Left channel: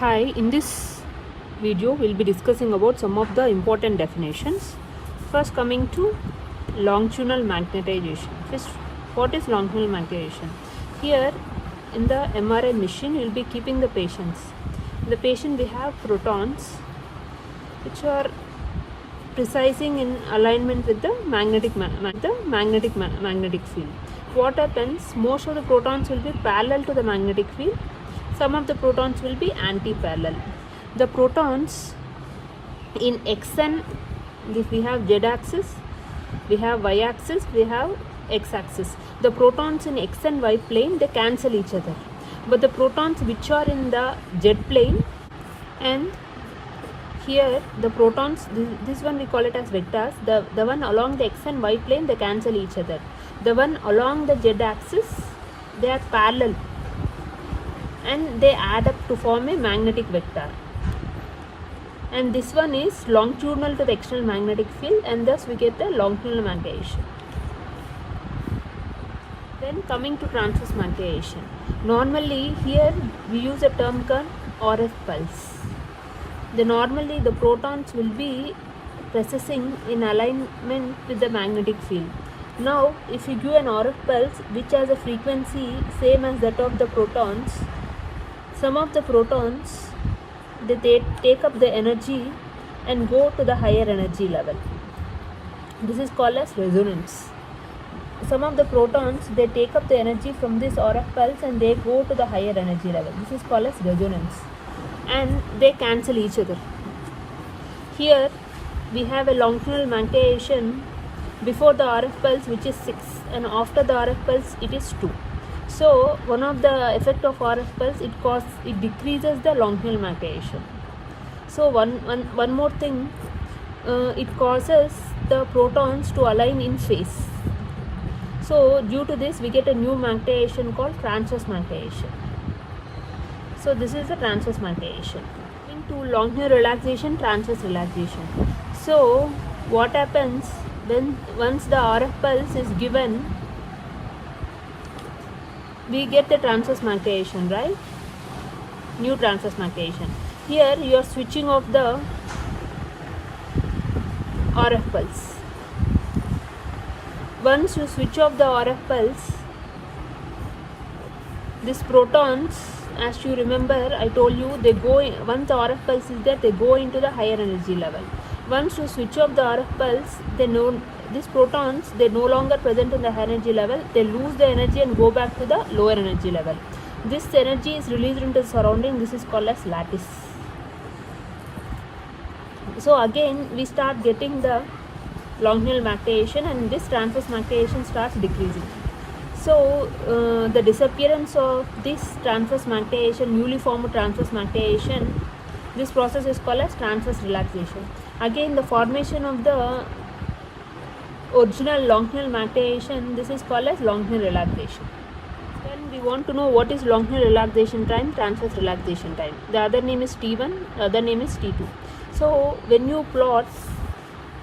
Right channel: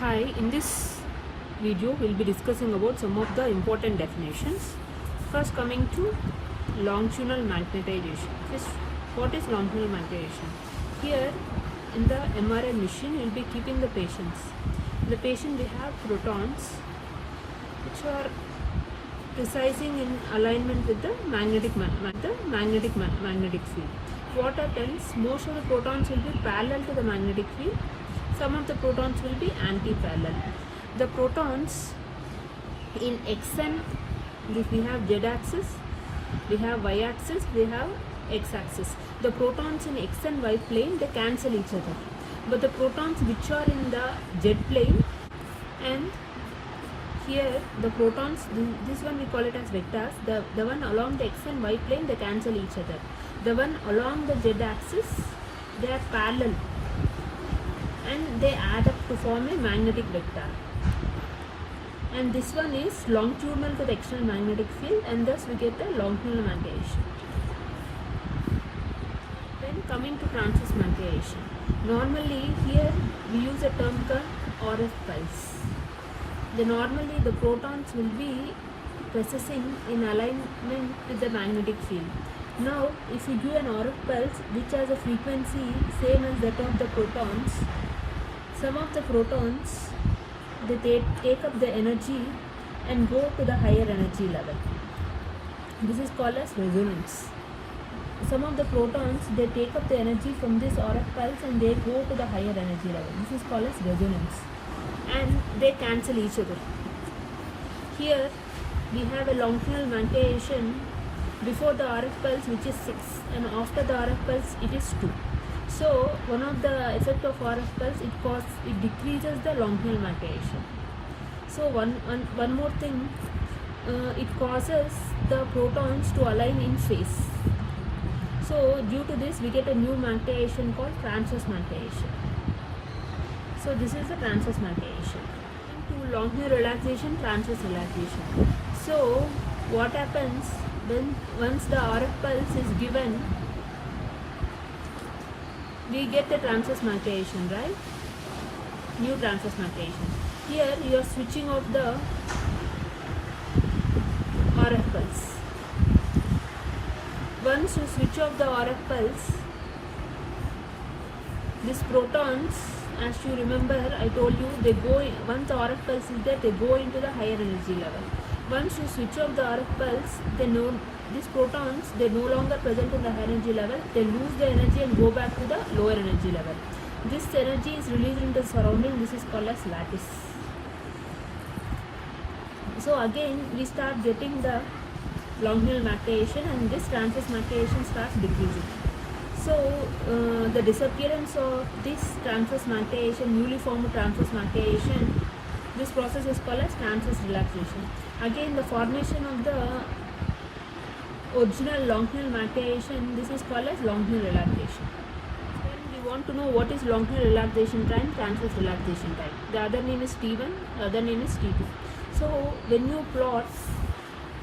Hi, in this video we'll be discussing about some of the important definitions. First, coming to longitudinal magnetization. First, what is longitudinal magnetization? Here in the MRI machine we'll be keeping the patients. In the patient we have protons which are precising in alignment with the magnetic field. What happens? Most of the protons will be parallel to the magnetic field. Some of the protons will be anti-parallel. The protons in xn, we have z-axis, we have y-axis, we have x-axis. The protons in x and y plane, they cancel each other. But the protons which are in the z plane, and here the protons, this one we call it as vectors, the one along the x and y plane, they cancel each other. The one along the z-axis, they are parallel and they add up to form a magnetic vector. And this one is longitudinal to the external magnetic field, and thus we get the longitudinal magnetization. Then coming to transverse magnetization. Normally here we use a term called RF pulse. Normally the protons will be precessing in alignment with the magnetic field. Now if you give an RF pulse which has a frequency same as that of the protons, some of the protons they take up the energy and go to the higher energy level. This is called as resonance. Some of the protons, they take up the energy from this RF pulse and they go to the higher energy level. This is called as resonance, and they cancel each other. Here we have a longitudinal magnetization before the RF pulse, which is 6, and after the RF pulse it is 2. So one of the effect of RF pulse, it decreases the longitudinal magnetization. So one more thing, it causes the protons to align in phase. So due to this we get a new magnetization called transverse magnetization. So this is the transverse magnetization. Into longitudinal relaxation, transverse relaxation. So what happens when once the RF pulse is given, we get the transverse magnetization, right? New transverse magnetization. Here you are switching off the RF pulse. Once you switch off the RF pulse, these protons, as you remember, I told you, they go once the RF pulse is there, they go into the higher energy level. Once you switch off the RF pulse, these protons, they no longer present in the higher energy level, they lose the energy and go back to the lower energy level. This energy is released into the surrounding. This is called as lattice. So again we start getting the longitudinal magnetization, and this transverse magnetization starts decreasing. So the disappearance of this transverse magnetization, newly formed transverse magnetization, this process is called as transverse relaxation. Again the formation of the original longitudinal magnetization, this is called as longitudinal relaxation. Then we want to know what is longitudinal relaxation time, transverse relaxation time. The other name is T1, other name is T2. So when you plot,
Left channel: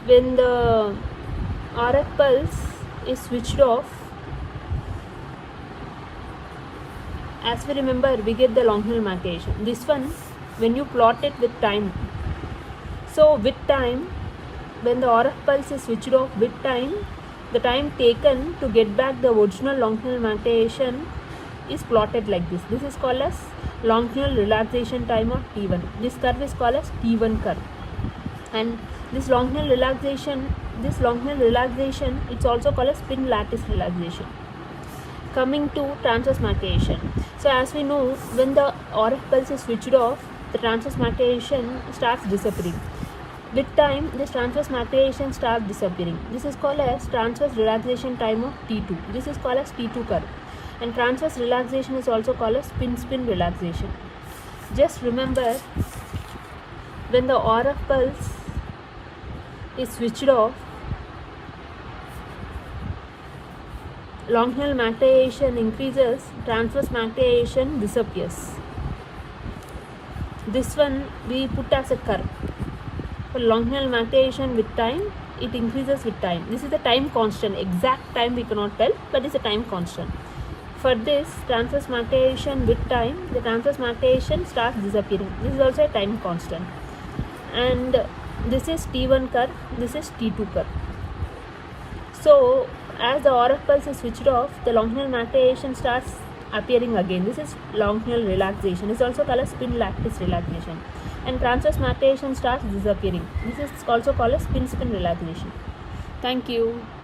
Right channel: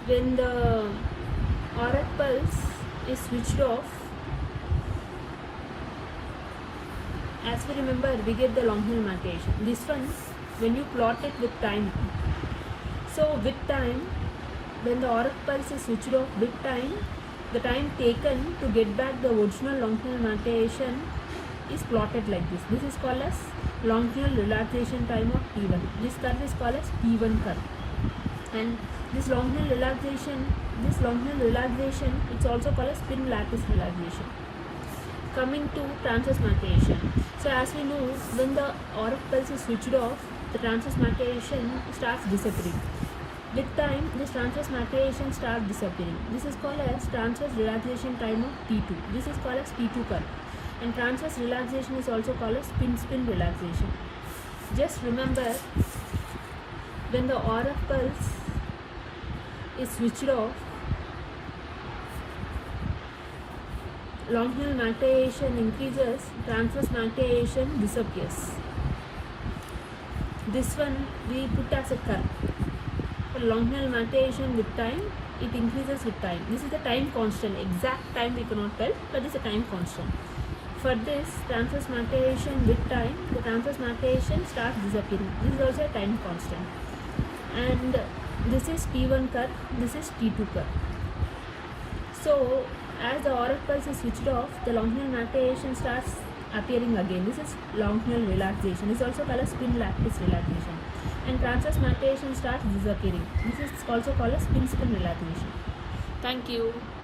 when the RF pulse is switched off, as we remember, we get the longitudinal magnetization. This one, when you plot it with time, so with time, when the RF pulse is switched off with time, the time taken to get back the original longitudinal magnetization is plotted like this. This is called as longitudinal relaxation time of T1. This curve is called as T1 curve. And this longitudinal relaxation, it's also called as spin lattice relaxation. Coming to transverse magnetization. So as we know, when the RF pulse is switched off, the transverse magnetization starts disappearing. With time, this transverse magnetization starts disappearing. This is called as transverse relaxation time of T2. This is called as T2 curve. And transverse relaxation is also called as spin relaxation. Just remember, when the RF pulse is switched off, longitudinal magnetization increases, transverse magnetization disappears. This one we put as a curve. For longitudinal magnetization with time, it increases with time. This is the time constant. Exact time we cannot tell, but it's a time constant. For this transverse martation with time, the transverse martation starts disappearing. This is also a time constant. And this is T1 curve, this is T2 curve. So as the RF pulse is switched off, the longitudinal martation starts appearing again. This is longitudinal relaxation. This is also called as spin lattice relaxation. And transverse martation starts disappearing. This is also called as spin relaxation. Thank you.